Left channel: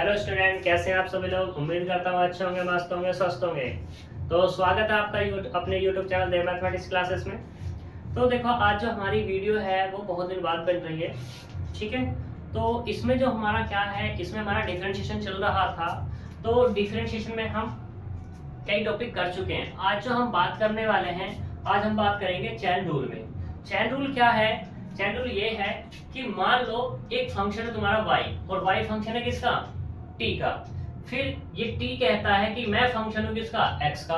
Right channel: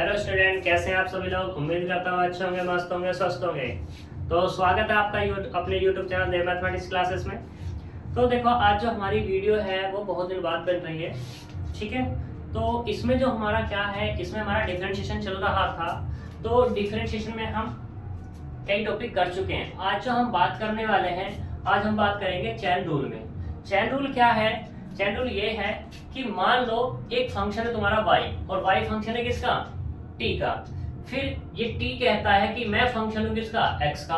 Hello student, कैसे हैं आप सभी लोग। उम्मीद करता हूँ अच्छे होंगे, मस्त होंगे, स्वस्थ होंगे। तो स्वागत है आपका अपने यूट्यूब चैनल देव मैथमेटिक्स क्लासेस में। तो देखो, आज जो हमारी वीडियो है वो बहुत दिन बाद बन रही है, ठीक है। तो इसमें जो हमारा क्या है, इसमें हमारा डिफरेंशिएशन चल रहा था। तो डिफरेंशिएशन में हम कई टॉपिक कर चुके हैं। आज जो हम बात करने वाले हैं, आज हम बात करेंगे चैन रूल में। चैन रूल क्या है? चैन रूल ये है कि मान लो एक फंक्शन है तुम्हारा y, और y फंक्शन है किसका? t का। फिर ये t कहता है कि मैं फंक्शन हूं किसका? x का।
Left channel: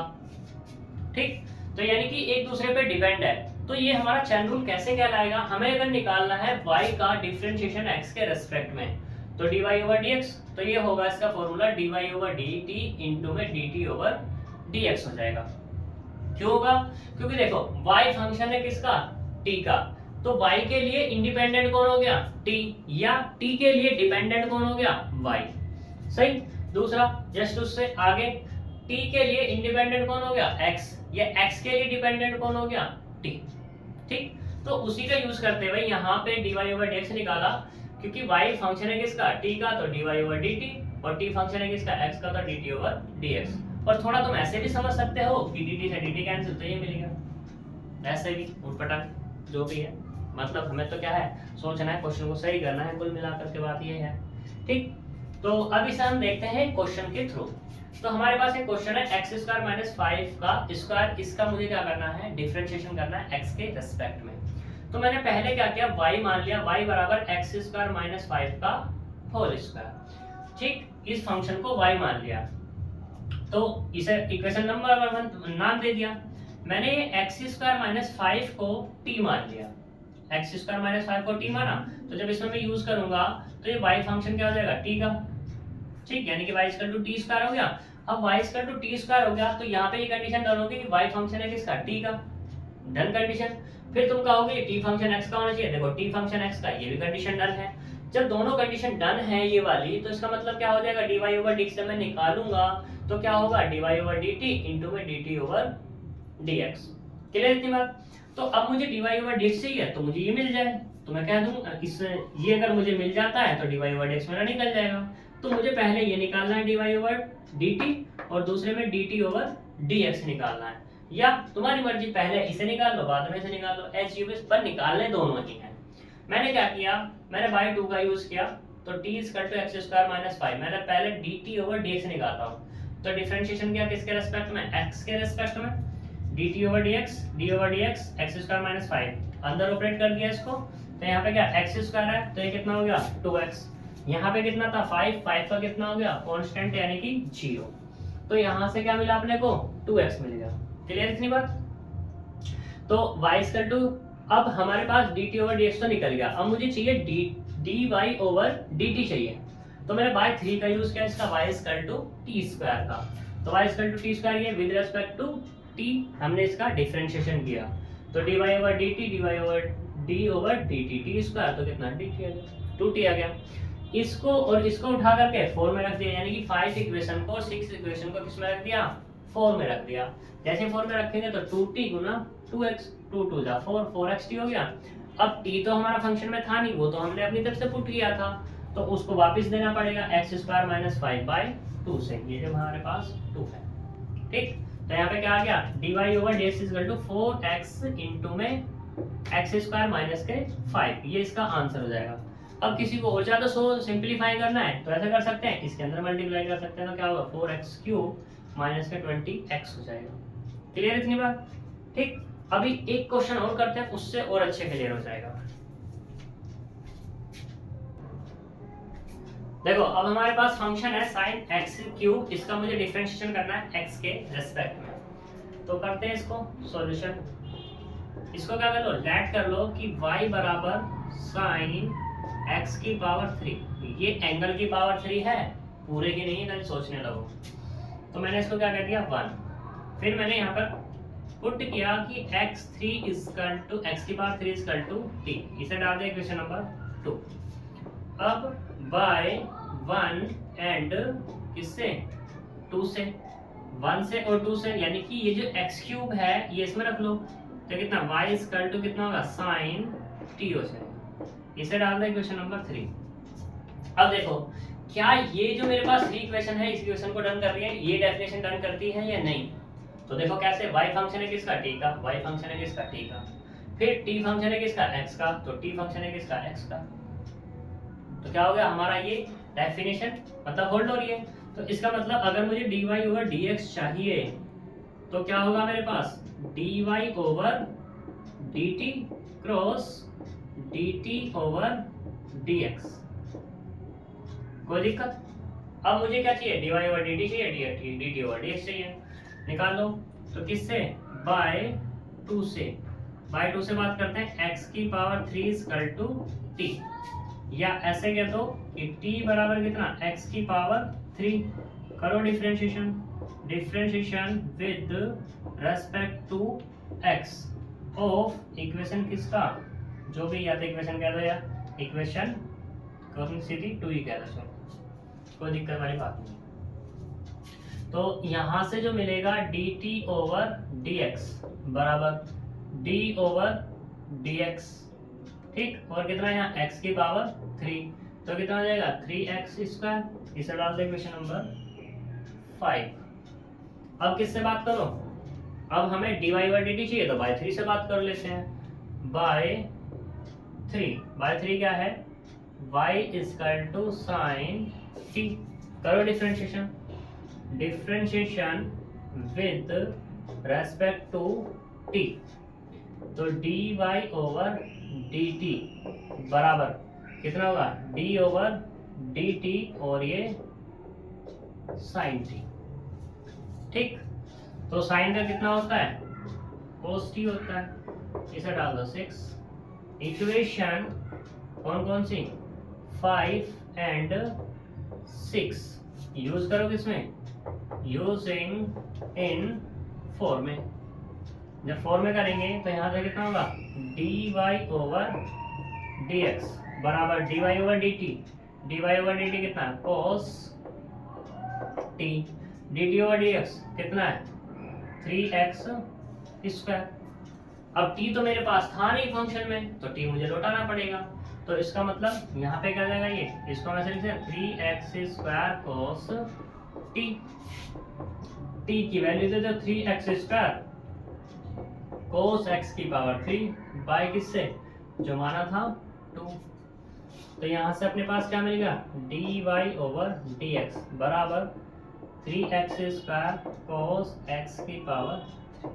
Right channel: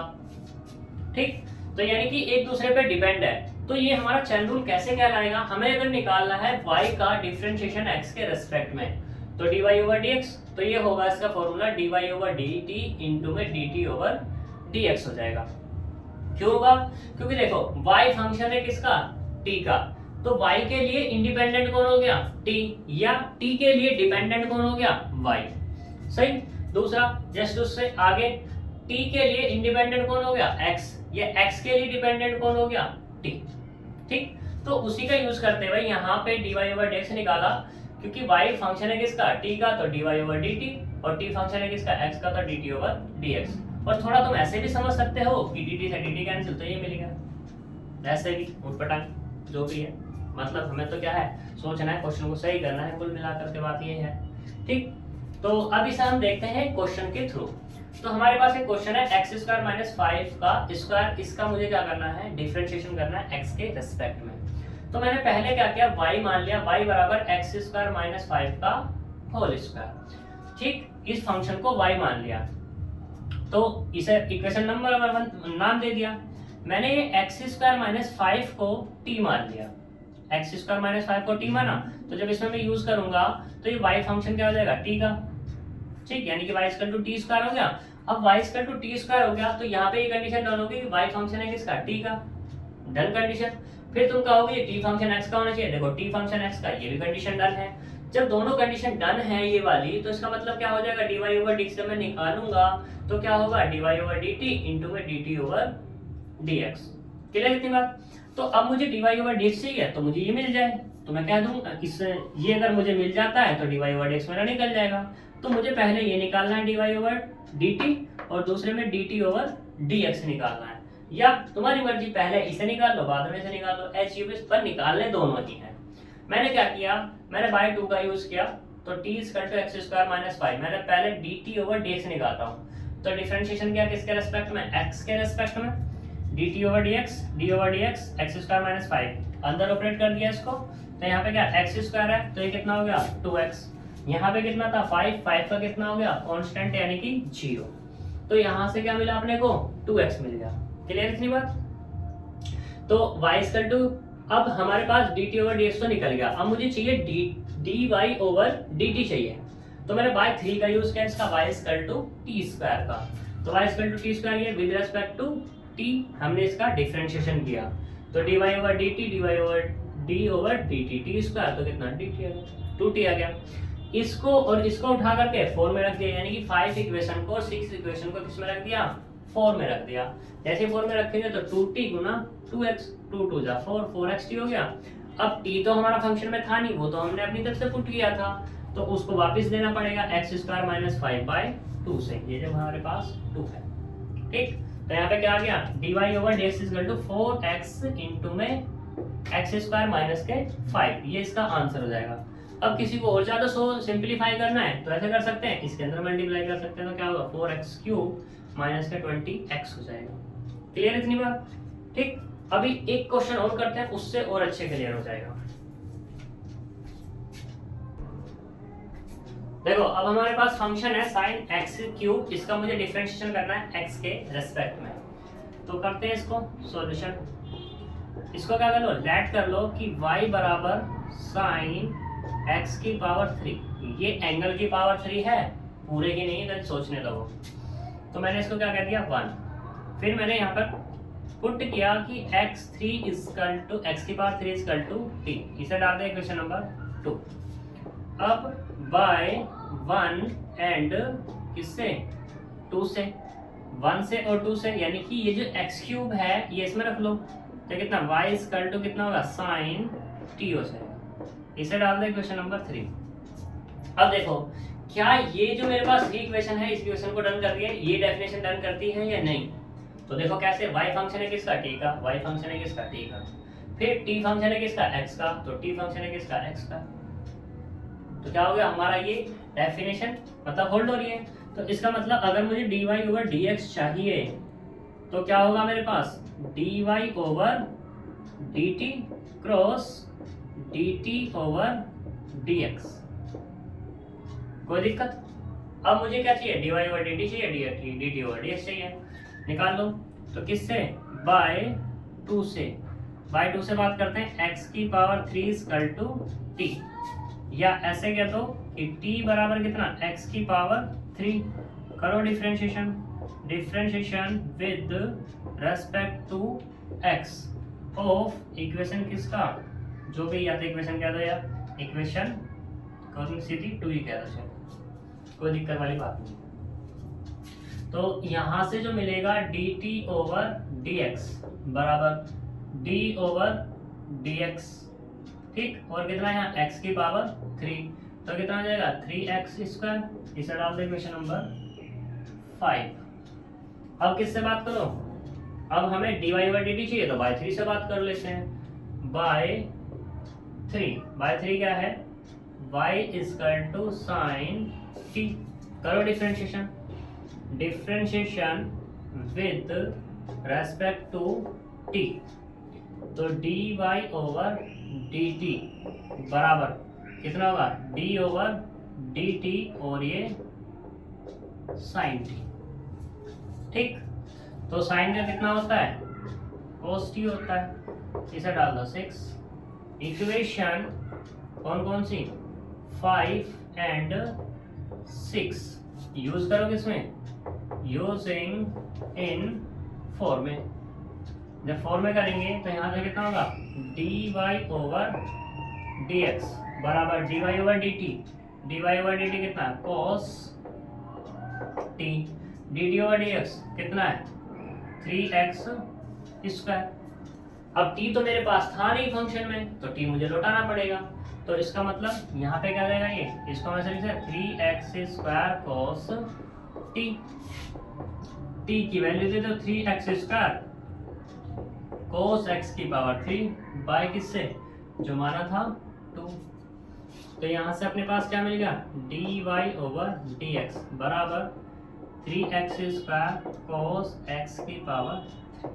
ठीक, तो यानी कि एक दूसरे पे डिपेंड है। तो ये हमारा चैन रूल कैसे कहलाएगा? हमें अगर निकालना है y का डिफरेंशिएशन x के रेस्पेक्ट में, तो dy ओवर dx, तो ये होगा इसका formula dy over dt into में dt ओवर dx हो जाएगा। क्यों होगा? क्योंकि देखो y फंक्शन है किसका? t का। तो y के लिए इंडिपेंडेंट कौन हो गया? t, या t के लिए डिपेंडेंट कौन हो गया? y। सही। दूसरा, जस्ट उससे आगे t के लिए इंडिपेंडेंट कौन हो गया? x, या x के लिए डिपेंडेंट कौन हो गया? t। ठीक, तो उसी का यूज करते हुए यहाँ पे dy ओवर dx निकाला, क्योंकि y फंक्शन है किसका? t का, तो dy ओवर dt, और t फंक्शन है किसका? x का, तो dt ओवर dx। और थोड़ा तुम ऐसे भी समझ सकते हो कि dt से dt कैंसिल, तो ये मिलेगा। ऐसे भी उठपटांग जो भी है, मतलब हमें तो क्या है, सोचना है, क्वेश्चन को सही करना है। कुल मिलाकर के बात ये है। ठीक, तो अब इसे हम देखते हैं क्वेश्चन के थ्रू। तो हमारे पास एक क्वेश्चन है एक्स स्क्वायर माइनस 5 का स्क्वायर, इसका मुझे क्या करना है? डिफरेंशिएशन करना है एक्स के रेस्पेक्ट में। तो मैंने पहले क्या किया, y मान लिया, y बराबर एक्स स्क्वायर माइनस 5 का होल स्क्वायर। ठीक, इस फंक्शन को y मान लिया, तो इसे इक्वेशन नंबर 1 नाम दे दिया। मैंने एक्स स्क्वायर माइनस 5 को t मान लिया, एक्स स्क्वायर माइनस 5 को t माना, तो जब इसमें मैं यूज करूंगा तो ये y फंक्शन क्या हो जाएगा? t का। ठीक, यानी कि y equal to t square हो गया। अब y equal to t square हो गया, तो यहाँ पे ये कंडीशन डन होगी कि y फंक्शन है किसका? t का। Done condition. फिर तुम कहोगे ये t फंक्शन x का होना चाहिए। देखो t फंक्शन x का, ये भी कंडीशन डन है। जब दोनों कंडीशन डन है ये वाली, तो इसका मतलब क्या हो जाएगा? dy ओवर dx से मैं निकालूंगा तो क्या होगा? dy ओवर dt इंटू में dt ओवर dx। क्लियर इतनी बात? तो अब मुझे dy ओवर dx चाहिए, तो मुझे ये मिल जाए, तो मैं कह दूंगा इससे ये अगर मुझे मिल जाता है तो dy ओवर dx मेरा निकल जाएगा। तो मुझे पहले ये निकालना है dy ओवर dt, और दूसरे में dt ओवर dx निकालना है। या तुम्हारी मर्जी, पहले इसे निकाल लो, बाद में इसे निकाल लो, एच यू पर निकालने दोनों ही हैं। मैंने क्या किया, मैंने बाय 2 का यूज किया, तो t equal to x square minus 5, मैंने पहले dt ओवर dx निकालता हूँ। तो डिफरेंशिएशन किया किसके रेस्पेक्ट में? x के रेस्पेक्ट में। dt over dx, d over dx, x square minus 5 अंदर ऑपरेट कर दिया इसको, तो यहाँ पे क्या एक्स स्क्वायर है, तो ये कितना हो गया? 2x। यहाँ पे कितना था? 5 का कितना हो गया? कांस्टेंट, यानी कि 0। तो यहाँ से क्या मिला अपने को? 2x मिल गया। क्लियर इतनी बात? तो y इक्वल टू, अब हमारे पास dt ओवर dx तो निकल गया, अब मुझे चाहिए dy ओवर dt चाहिए। तो मैंने बाय 3 का यूज किया, इसका y equal to t square का। तो y equal to t square, ये विद रिस्पेक्ट टू t हमने इसका डिफरेंशिएशन किया, तो dy over dt, dy over d over dt, t square, तो कितना? dt आ गया, 2t आ गया। इसको और इसको उठा करके 4 में रख दिया, यानी कि 5 इक्वेशन को और 6 इक्वेशन को किस में रख दिया? 4 में रख दिया। जैसे 4 में रखेंगे तो 2t गुना 2x, 2 2 जा 4, 4xt हो गया। अब t तो हमारा फंक्शन में था नहीं, वो तो हमने अपनी तरफ से पुट किया था, तो उसको वापस देना पड़ेगा एक्स स्क्वायर माइनस 5 बाय 2 से, ये जब हमारे पास 2 है। ठीक, तो यहाँ पे क्या आ गया? dy over dx equal to 4x into में एक्स स्क्वायर माइनस के 5, ये इसका आंसर हो जाएगा। अब किसी को और ज्यादा सिंपलीफाई करना है तो ऐसे कर सकते हैं, इसके अंदर मल्टीप्लाई कर सकते हैं, तो क्या होगा? 4x क्यूब माइनस के 20x हो जाएगा। क्लियर इतनी बात? ठीक, अभी एक क्वेश्चन और करते हैं, उससे और अच्छे क्लियर हो जाएगा। देखो, अब हमारे पास फंक्शन है sin x क्यूब, इसका मुझे डिफरेंशिएशन करना है x के रेस्पेक्ट में। तो करते हैं इसको सॉल्यूशन। इसको क्या कर लो, लेट कर लो कि y बराबर sin x की पावर 3, ये एंगल की पावर 3 है, पूरे की नहीं है, कहीं सोचने लगो। तो मैंने इसको क्या कह दिया? 1। फिर मैंने यहाँ पर पुट किया कि x3 इक्वल टू x की पावर 3 इक्वल टू t, इसे डाल दिया इक्वेशन नंबर 2। अब बाय 1 एंड किससे? 2 से, 1 से और 2 से, यानी कि ये जो x क्यूब है ये इसमें रख लो, तो कितना? y इक्वल टू कितना होगा? sin t हो जाएगा। इसे डाल दो इक्वेशन नंबर 3। अब देखो क्या ये जो मेरे पास इक्वेशन है इस इक्वेशन को डन कर रही है, ये डेफिनेशन डन करती है या नहीं। तो देखो कैसे, y फंक्शन है किसका, t का, y फंक्शन है किसका, t का, फिर t फंक्शन है किसका, x का, तो t फंक्शन है किसका, x का। तो क्या हो गया हमारा, ये डेफिनेशन मतलब होल्ड हो रही है। तो इसका मतलब अगर मुझे dy ओवर dx चाहिए तो क्या होगा मेरे पास, dy over dt cross dt over dx। कोई दिक्कत। अब मुझे क्या चाहिए, dy ओवर dt चाहिए, dt ओवर dx चाहिए, निकाल लो। तो किससे, बाय 2 से, बाय 2 से बात करते हैं, x की पावर 3 इक्वल टू t, या ऐसे कह दो कि t बराबर कितना, x की पावर 3, करो differentiation, differentiation with respect to x of equation किसका, जो भी, या तो इक्वेशन कह दो या इक्वेशन कौन सी थी, 2 ही कह दो, चलो कोई दिक्कत वाली बात नहीं। तो यहाँ से जो मिलेगा dt ओवर dx बराबर d ओवर dx, ठीक, और कितना है यहाँ x की पावर 3, तो कितना हो जाएगा 3x स्क्वायर, इसे डाल दो इक्वेशन नंबर 5। अब किससे बात करो, अब हमें dy ओवर dt चाहिए तो बाय 3 से बात कर लेते हैं, बाय 3 क्या है, y equal to sine t, करो differentiation, differentiation with respect to t, तो dy ओवर dt बराबर कितना होगा, d ओवर dt और ये साइन t, ठीक। तो साइन का कितना होता है, cos t होता है, इसे डाल दो 6। इक्वेशन कौन कौन सी, 5 एंड 6 यूज करो किसमें, यूजिंग इन 4 में। जब 4 में करेंगे तो यहाँ से कितना होगा, dy ओवर dx बराबर dy ओवर dt कितना है, cos t, dt over dx कितना है 3x स्क्वायर। अब t तो मेरे पास था नहीं फंक्शन में, तो t मुझे लौटाना पड़ेगा, तो इसका मतलब यहाँ पे क्या जाएगा, ये इसको मैं लिख सकता 3x square cos t, t की वैल्यू दे दो 3x स्क्वायर cos x की पावर 3 बाय किससे, जो माना था 2। तो यहाँ से अपने पास क्या मिलेगा, dy ओवर dx बराबर 3x स्क्वायर cos x की पावर 3,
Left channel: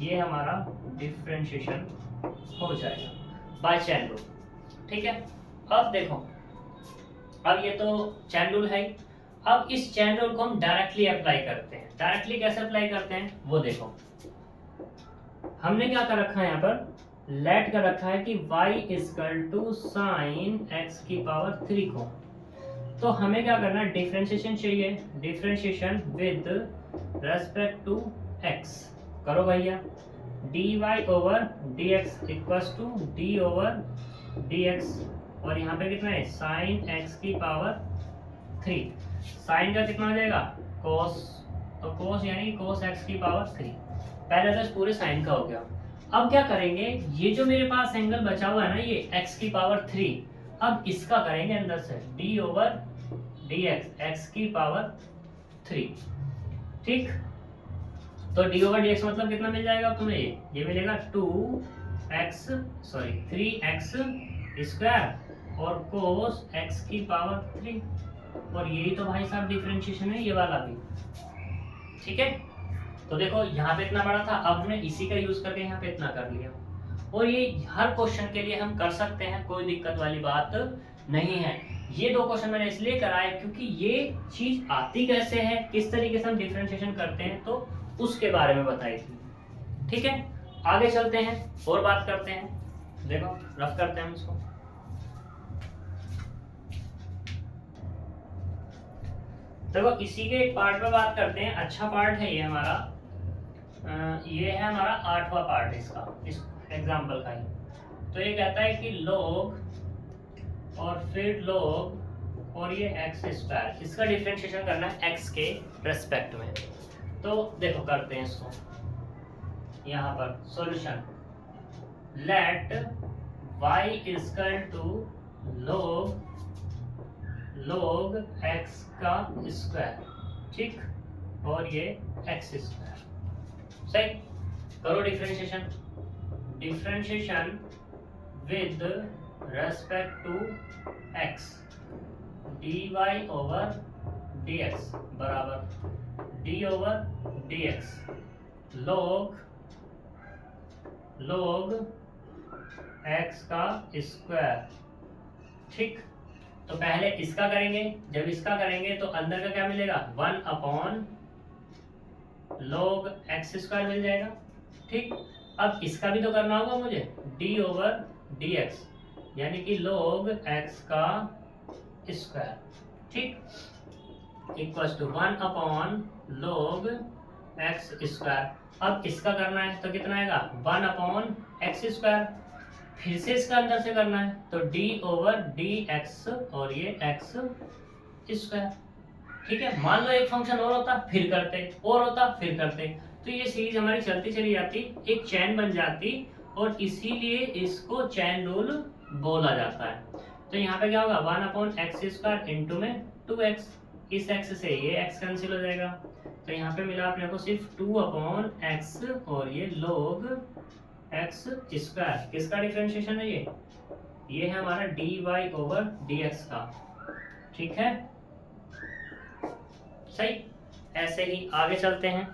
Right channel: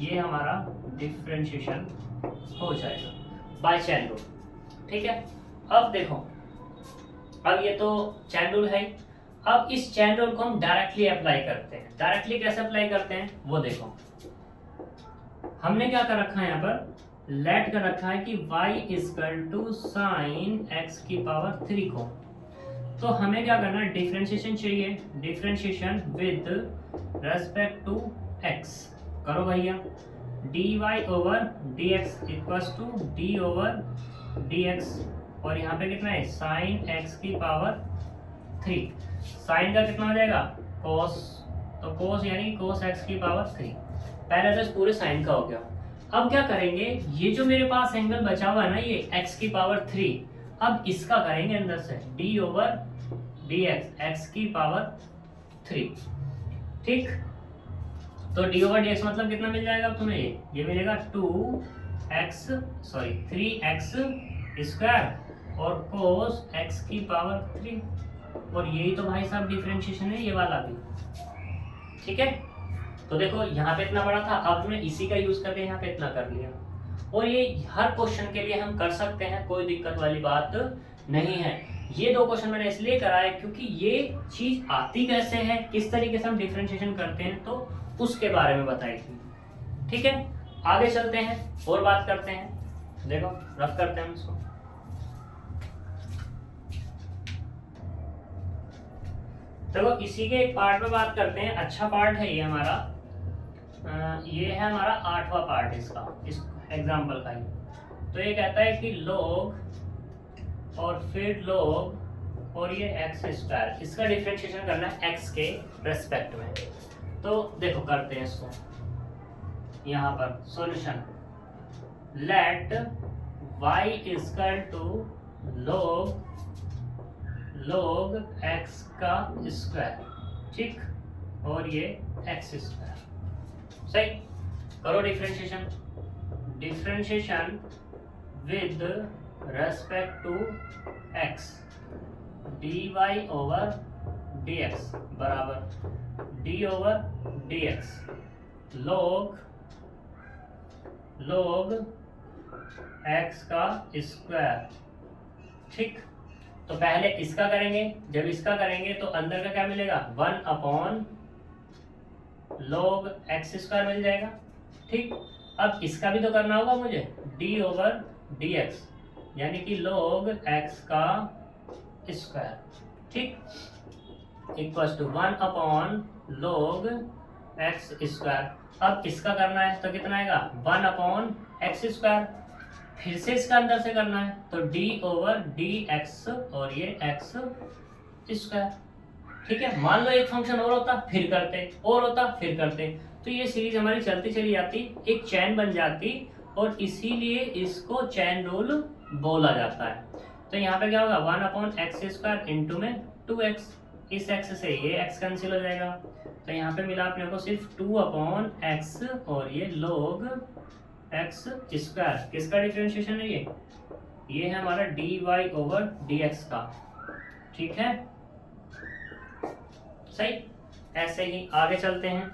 ये हमारा डिफरेंशिएशन हो जाएगा बाय चैन रूल, ठीक है। अब देखो, अब ये तो चैन रूल है, अब इस चैन रूल को हम डायरेक्टली अप्लाई करते हैं। डायरेक्टली कैसे अप्लाई करते हैं वो देखो, हमने क्या कर रखा है यहाँ पर, लेट कर रखा है कि y equal to sine x की पावर 3 को, तो हमें क्या करना है, डिफरेंशिएशन चाहिए, differentiation with respect to x, करो भैया, dy over dx equals to d over dx, और यहाँ पे कितना है साइन x की पावर 3, साइन का कितना हो जाएगा cos, तो cos यानी cos x की पावर 3, पहले तो इस पूरे साइन का हो गया। अब क्या करेंगे, ये जो मेरे पास एंगल बचा हुआ है ना, ये x की पावर 3, अब इसका करेंगे अंदर से d ओवर dx x की पावर 3, ठीक। तो d ओवर dx मतलब कितना मिल जाएगा अब तुम्हें, ये मिलेगा 3x स्क्वायर और cos x की पावर 3, और यही तो भाई साहब डिफरेंशिएशन है, ये वाला भी, ठीक है। तो देखो यहाँ पे इतना बड़ा था, अब हमने इसी का यूज करके यहाँ पे इतना कर लिया, और ये हर क्वेश्चन के लिए हम कर सकते हैं, कोई दिक्कत वाली बात नहीं है। ये 2 क्वेश्चन मैंने इसलिए कराए क्योंकि ये चीज आती कैसे है, किस तरीके से हम डिफरेंशिएशन करते हैं, तो उसके बारे में बताई थी, ठीक है। आगे चलते हैं और बात करते हैं, देखो रफ करते हैं इसको। देखो इसी के एक पार्ट में बात करते हैं, अच्छा पार्ट है ये हमारा, ये है हमारा 8वां पार्ट इसका, इस एग्जाम्पल का ही। तो ये कहता है कि log और फिर log और ये x स्क्वायर, इसका डिफरेंशिएशन करना है x के रेस्पेक्ट में। तो देखो करते हैं इसको, यहाँ पर solution, let y equal to log x का स्क्वायर, ठीक, और ये x स्क्वायर। सही, करो differentiation. Differentiation with respect to x, dy over dx बराबर d over dx log x का स्क्वायर, ठीक। तो पहले इसका करेंगे, जब इसका करेंगे तो अंदर का क्या मिलेगा, 1 अपॉन log x स्क्वायर मिल जाएगा, ठीक। अब इसका भी तो करना होगा मुझे, d ओवर dx यानी कि log x का स्क्वायर, ठीक, equal to 1 upon log x square. अब इसका करना है तो कितना आएगा, 1 अपॉन x स्क्वायर। फिर से इसका अंदर से करना है तो d ओवर dx और ये x स्क्वायर, ठीक है। मान लो एक फंक्शन और होता फिर करते, और होता फिर करते, तो ये सीरीज हमारी चलती चली जाती, एक चैन बन जाती, और इसीलिए इसको चैन रूल बोला जाता है। तो यहाँ पे क्या होगा, 1 अपॉन एक्स स्क्वायर इंटू में 2x, इस x से ये x कैंसिल हो जाएगा, तो यहाँ पे मिला अपने को सिर्फ 2 अपॉन एक्स और ये log x स्क्वायर। किसका डिफरेंशिएशन है ये है हमारा dy ओवर dx का, ठीक है। सही, ऐसे ही आगे चलते हैं।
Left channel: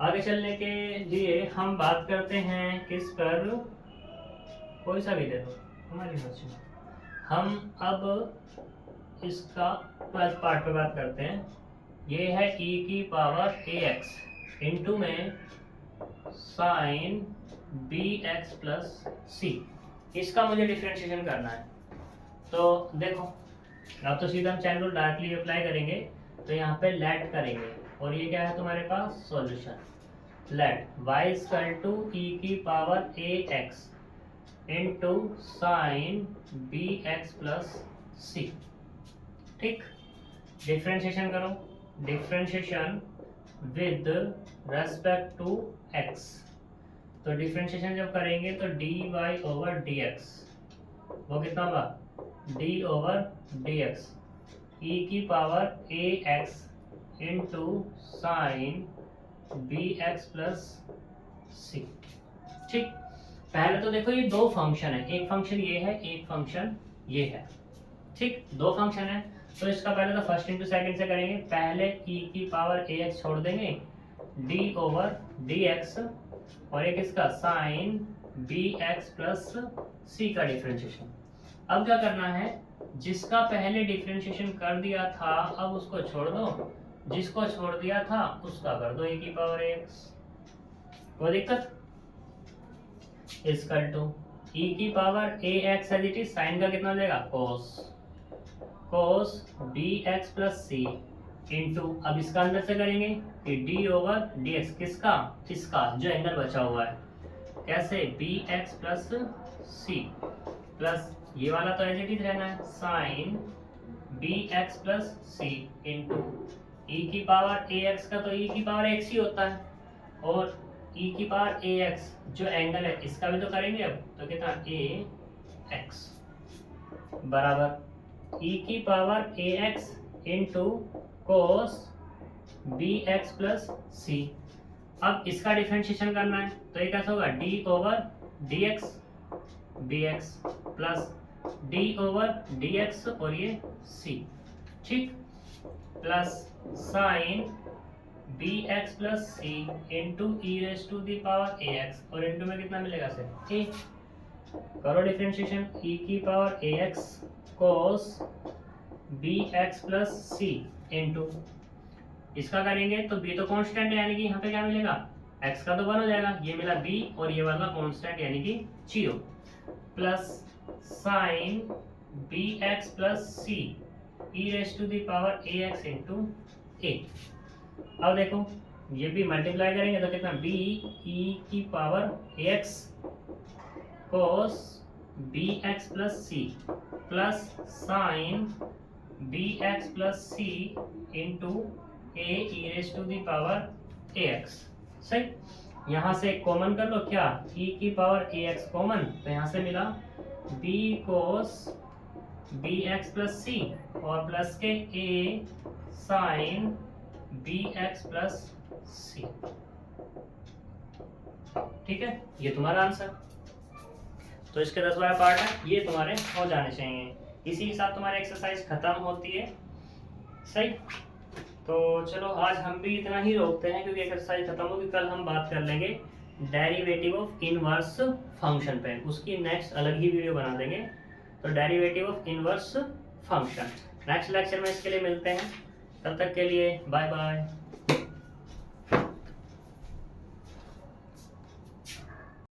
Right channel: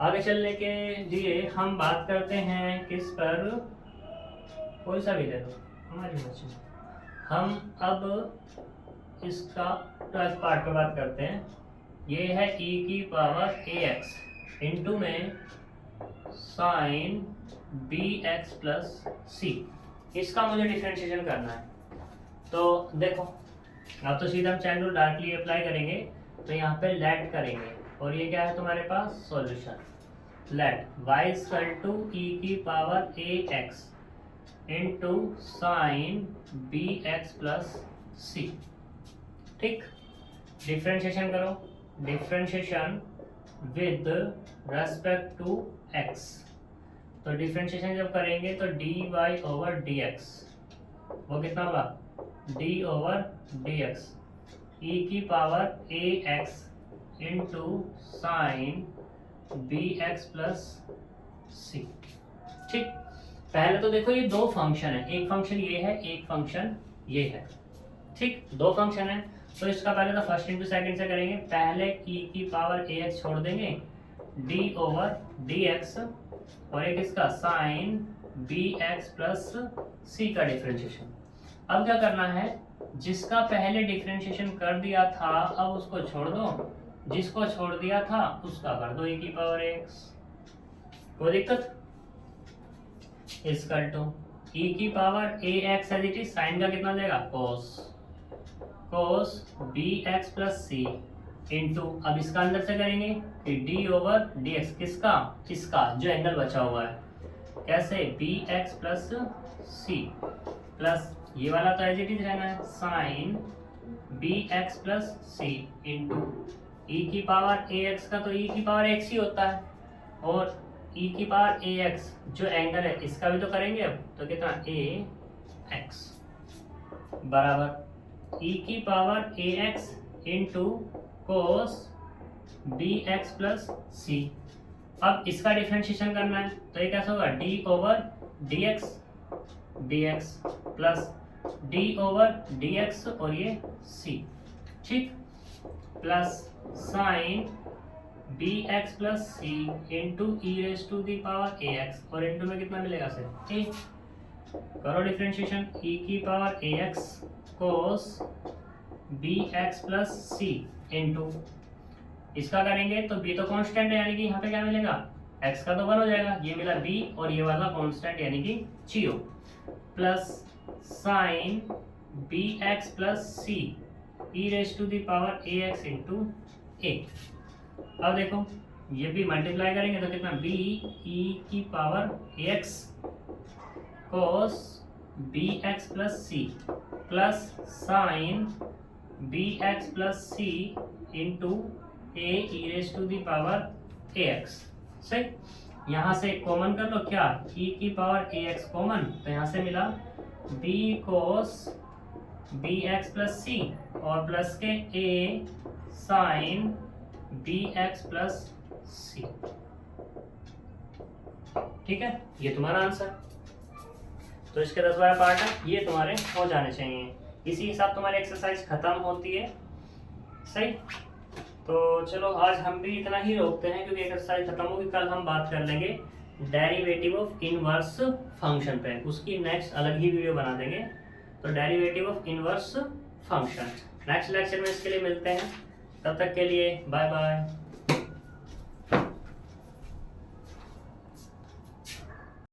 आगे चलने के लिए हम बात करते हैं किस पर, कोई सा भी दे दो हमारी मर्जी में। हम अब इसका 12th पार्ट पे बात करते हैं। ये है e की पावर ax इंटू में साइन bx प्लस c, इसका मुझे डिफरेंशिएशन करना है। तो देखो, अब तो सीधा हम चैन रूल डायरेक्टली अप्लाई करेंगे, तो यहाँ पे लेट करेंगे, और ये क्या है तुम्हारे पास solution, let y equal to e की power ax into sine bx plus c, ठीक। डिफरेंशिएशन करो, differentiation with respect to x, तो डिफरेंशिएशन जब करेंगे तो dy ओवर dx वो कितना होगा, d ओवर dx e की power ax into sine bx plus c, ठीक। पहले तो देखो ये दो फंक्शन है, एक फंक्शन ये है, एक फंक्शन ये है, ठीक, दो फंक्शन है। तो इसका पहले तो फर्स्ट इंटू सेकंड से करेंगे, पहले e की पावर ax छोड़ देंगे, d ओवर dx और एक इसका साइन bx प्लस c का डिफरेंशिएशन। अब क्या करना है, जिसका पहले डिफरेंशिएशन कर दिया था अब उसको छोड़ दो, जिसको छोड़ दिया था उसका कर दो e की पावर ax, कोई दिक्कत। इसका टू e की power ax as it is, sine का कितना हो जाएगा cos bx plus c into, अब इसका अंदर से करेंगे कि d ओवर dx, किसका, इसका जो एंगल बचा हुआ है, कैसे bx प्लस c प्लस ये वाला तो एज इट इज रहना है, sine bx plus c into e की पावर ax का तो e की पावर x ही होता है, और e की पावर ax जो एंगल है इसका भी तो करेंगे अब, तो कितना ax बराबर e की power ax into cos bx plus c। अब इसका डिफरेंशिएशन करना है, तो ये कैसा होगा, d over dx bx plus d over dx और ये c, ठीक, plus sine bx plus c into e raise to the power ax, और इंटू में कितना मिलेगा सर a। करो डिफरेंशिएशन, e की power ax cos bx plus c into, इसका करेंगे तो b तो कांस्टेंट है यानी कि यहाँ पे क्या मिलेगा, x का तो 1 हो जाएगा, ये मिला b और ये वाला कांस्टेंट यानी कि 0, plus sine bx plus c e raise to the power ax into a। अब देखो ये भी मल्टीप्लाई करेंगे तो कितना, b e की power ax cos bx plus c plus sine bx plus c into a e raise to the power ax। सही, यहाँ से कॉमन कर लो, क्या e की पावर ax कॉमन, तो यहाँ से मिला b cos B X plus C और प्लस के A sine B X plus C. ठीक है, ये तुम्हारा आंसर। तो इसके 10 बार पार्ट है, ये तुम्हारे हो जाने चाहिए। इसी के साथ तुम्हारी एक्सरसाइज खत्म होती है। सही, तो चलो आज हम भी इतना ही रोकते हैं क्योंकि एक्सरसाइज खत्म होगी। कल हम बात कर लेंगे डेरिवेटिव ऑफ इनवर्स फंक्शन पे, उसकी नेक्स्ट अलग ही वीडियो बना देंगे। तो derivative of inverse function next lecture में इसके लिए मिलते हैं। तब तक के लिए बाय बाय।